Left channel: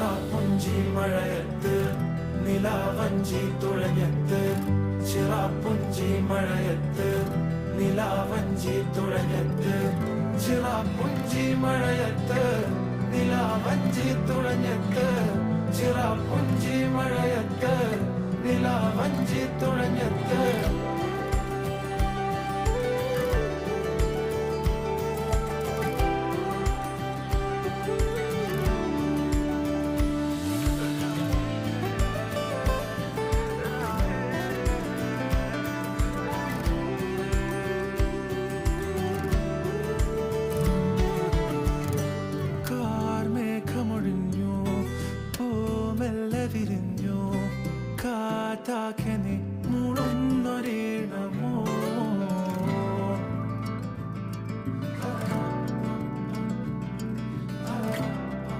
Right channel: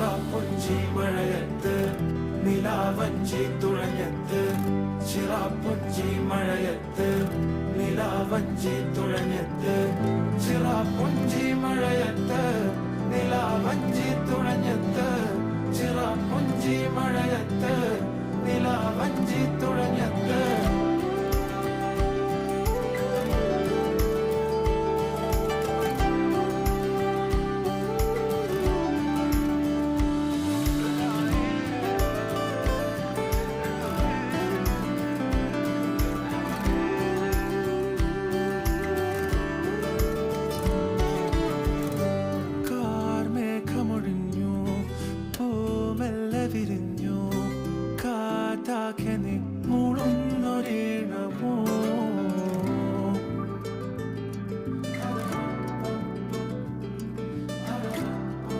ചിറാപ്പുഞ്ചി മഴയത്ത് നിലാവഞ്ചി തുഴഞ്ഞത്ത്, ചിറാപ്പുഞ്ചി മഴയത്ത് നിലാവഞ്ചി തുഴഞ്ഞത്ത്, ചിറാപ്പുഞ്ചി മഴയത്ത് നിലാവഞ്ചി തുഴഞ്ഞത്ത്, ചിറാപ്പുഞ്ചി മഴയത്ത് നിലാവഞ്ചി തുഴഞ്ഞത്ത്.